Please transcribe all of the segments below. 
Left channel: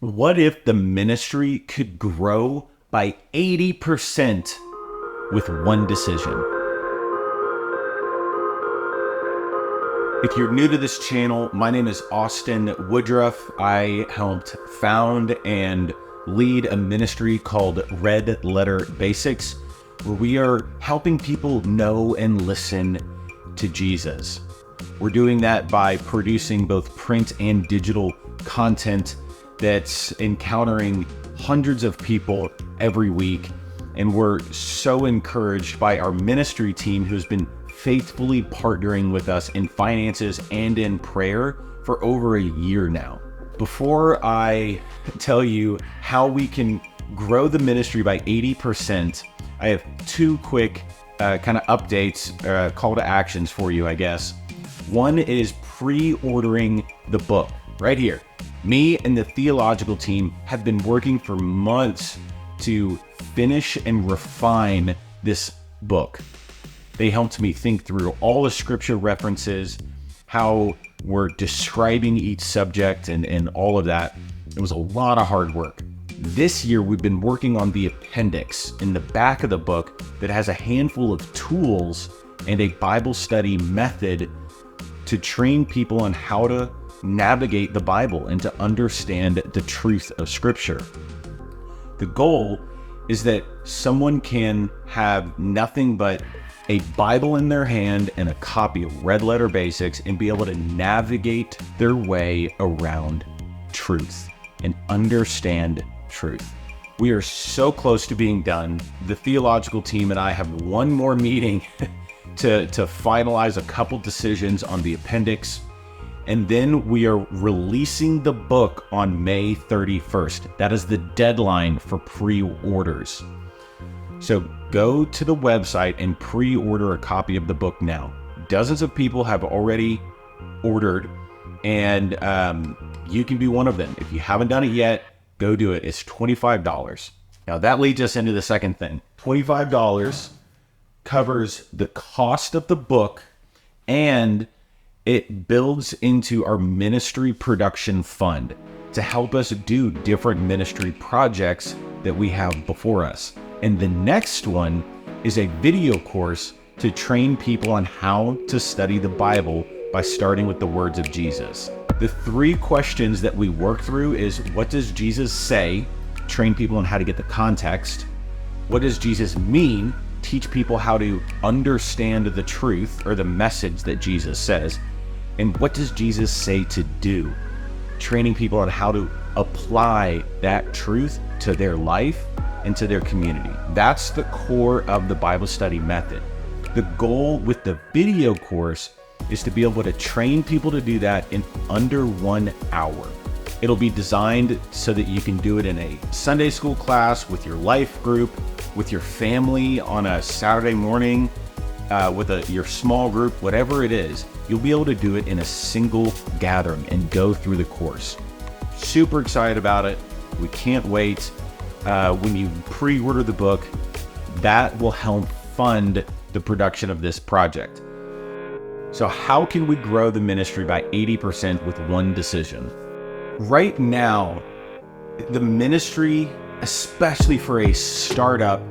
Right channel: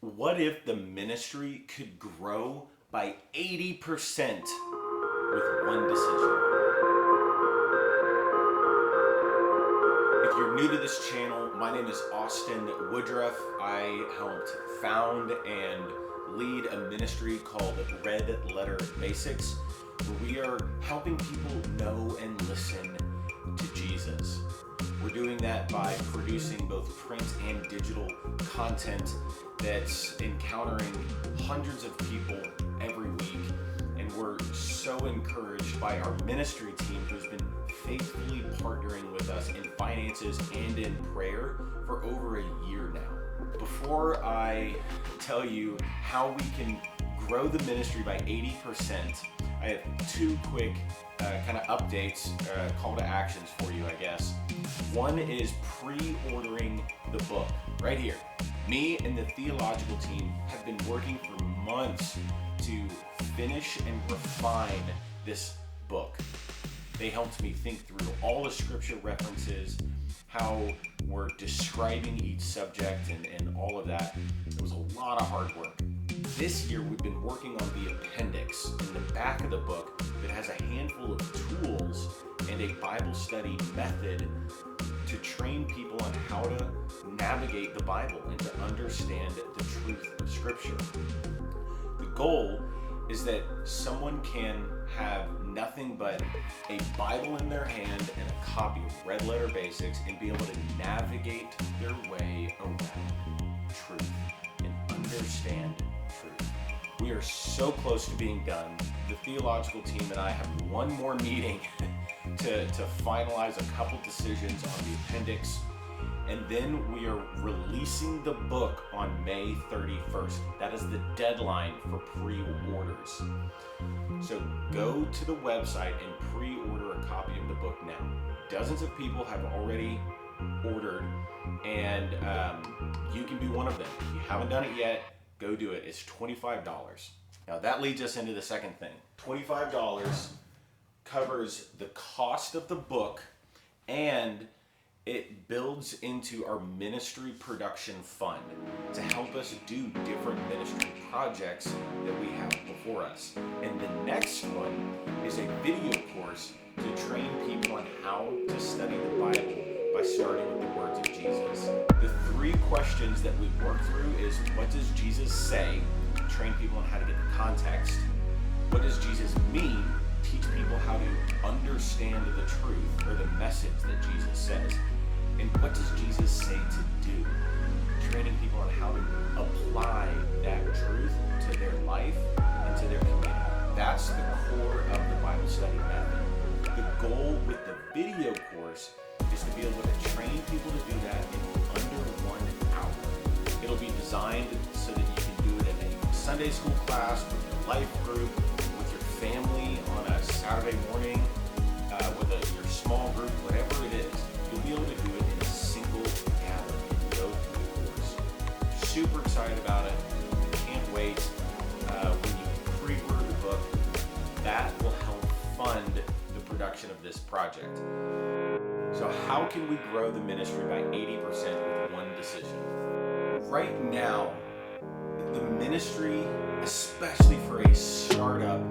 What if the ministry could grow by 80% with one decision? If you're new to this channel, my name is Austin Woodruff. I helped found and lead a ministry called Red Letter Basics, where we are helping people know and listen to Jesus. We're doing that by producing both print and digital content that's encountering hundreds of people every week. And we're so encouraged by our ministry team who's been faithfully partnering with us in finances and in prayer for over a year now. Before I tell you how we can grow the ministry by 80%, I have two quick kind of updates, call to actions for you, I guess. One is pre-ordering the book right here. Me and the theological team have been working for months to finish and refine this book. They helped me think through all the scripture references, how we're describing each subject and all of that. It was a lot of hard work. This year, we've been working on the appendix in the back of the book that has a handful of tools and a Bible study method to train people on how to navigate the Bible and to understand the truth of Scripture. The goal is that someone can have nothing but a Bible in their hand and a copy of Red Letter Basics and be able to navigate their way around truth and understand truth. We are so close to being done. The theological team and I have one more meeting to finalize a couple decisions on the appendix. And then we are releasing the book on May 31st. That is the deadline for pre-orders. So go to the website and pre-order a copy of the book now. Dozens of people have already ordered, and you can be one of them. If you haven't done it yet, go do it. It's $25. Now that leads us into the second thing. $25 covers the cost of the book, and it builds into our ministry production fund to help us do different ministry projects that we have before us. And the next one is a video course to train people on how to study the Bible by starting with the words of Jesus. The three questions that we work through is, what does Jesus say? Train people on how to get the context. What does Jesus mean? Teach people how to understand the truth or the message that Jesus says. And what does Jesus say to do? Training people on how to apply that truth to their life and to their community. That's the core of the Bible study method. The goal with the video course is to be able to train people to do that in under 1 hour. It'll be designed so that you can do it in a Sunday school class, with your life group, with your family on a Saturday morning, with your small group, whatever it is. You'll be able to do it in a single gathering and go through the course. Super excited about it. We can't wait. When you pre-order the book, that will help fund the production of this project. So how can we grow the ministry by 80% with one decision? Right now, the ministry, especially for a startup,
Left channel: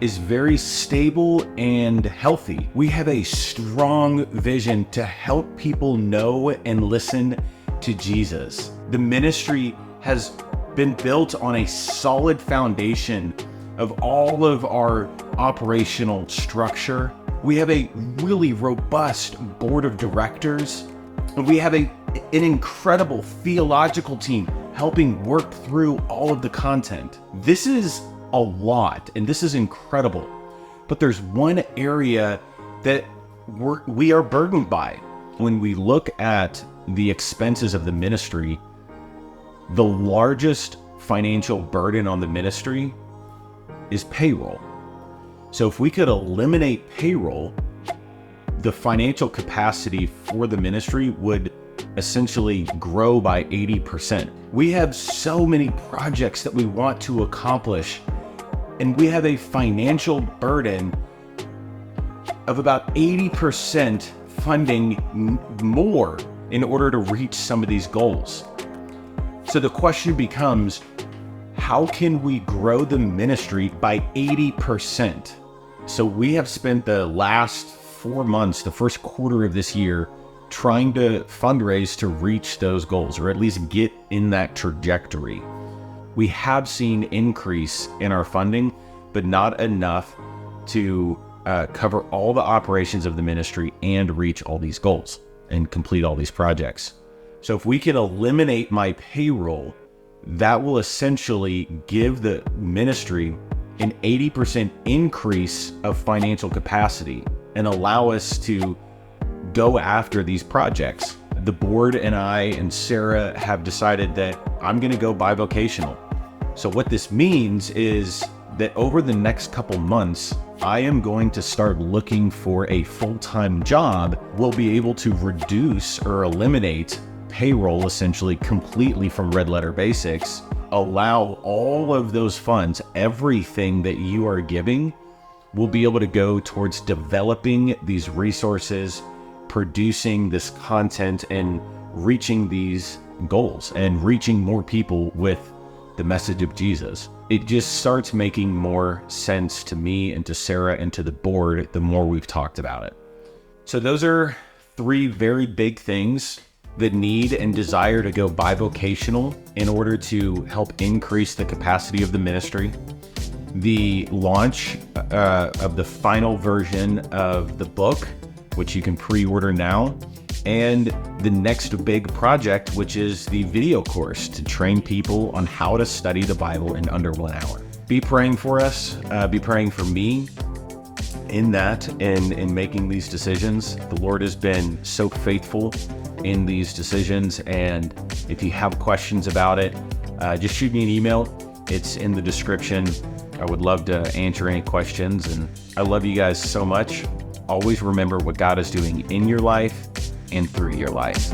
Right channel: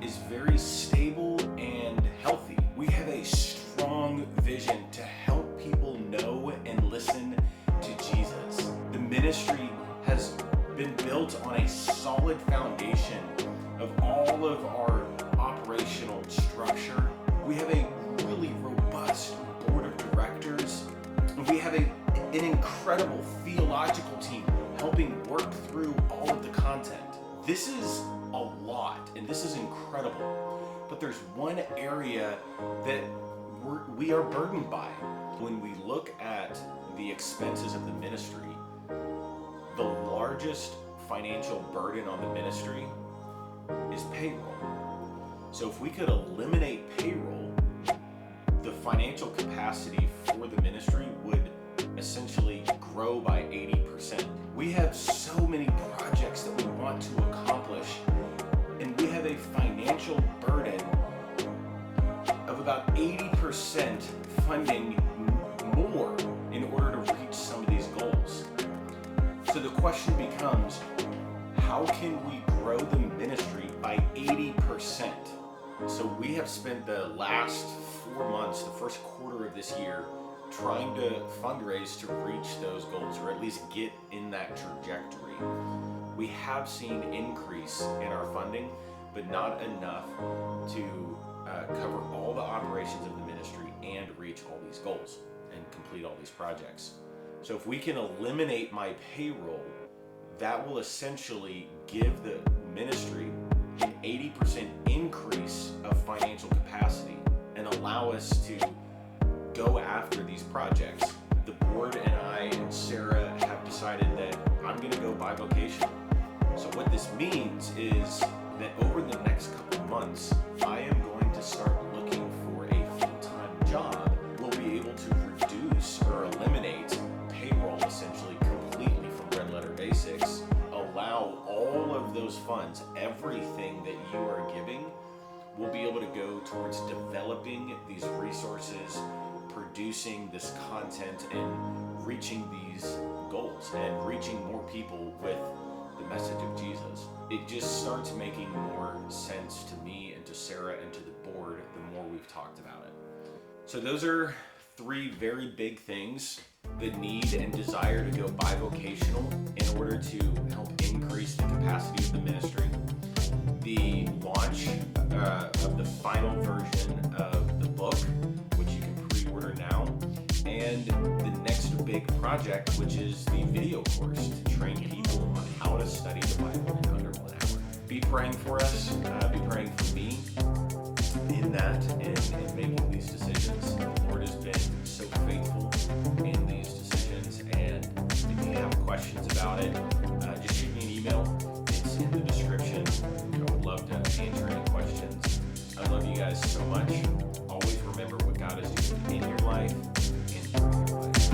is very stable and healthy. We have a strong vision to help people know and listen to Jesus. The ministry has been built on a solid foundation of all of our operational structure. We have a really robust board of directors, and we have an incredible theological team helping work through all of the content. This is a lot, and this is incredible. But there's one area that we are burdened by. When we look at the expenses of the ministry, the largest financial burden on the ministry is payroll. So if we could eliminate payroll, the financial capacity for the ministry would essentially grow by 80%. We have so many projects that we want to accomplish, and we have a financial burden of about 80% funding more in order to reach some of these goals. So the question becomes, how can we grow the ministry by 80%? So we have spent the last 4 months, the first quarter of this year, trying to fundraise to reach those goals, or at least get in that trajectory. We have seen increase in our funding, but not enough to cover all the operations of the ministry and reach all these goals and complete all these projects. So if we can eliminate my payroll, that will essentially give the ministry an 80% increase of financial capacity and allow us to go after these projects. The board and I and Sarah have decided that I'm going to go bivocational. So what this means is that over the next couple months, I am going to start looking for a full-time job. We'll be able to reduce or eliminate payroll essentially completely from Red Letter Basics, allow all of those funds, everything that you are giving, will be able to go towards developing these resources, producing this content, and reaching these goals and reaching more people with the message of Jesus. It just starts making more sense to me and to Sarah and to the board the more we've talked about it. So those are 3 very big things: the need and desire to go bivocational in order to help increase the capacity of the ministry, the launch of the final version of the book, which you can pre-order now, and the next big project, which is the video course to train people on how to study the Bible in under 1 hour. Be praying for us, be praying for me in that, in making these decisions. The Lord has been so faithful in these decisions, and if you have questions about it, just shoot me an email. It's in the description. I would love to answer any questions, and I love you guys so much. Always remember what God is doing in your life and through your life.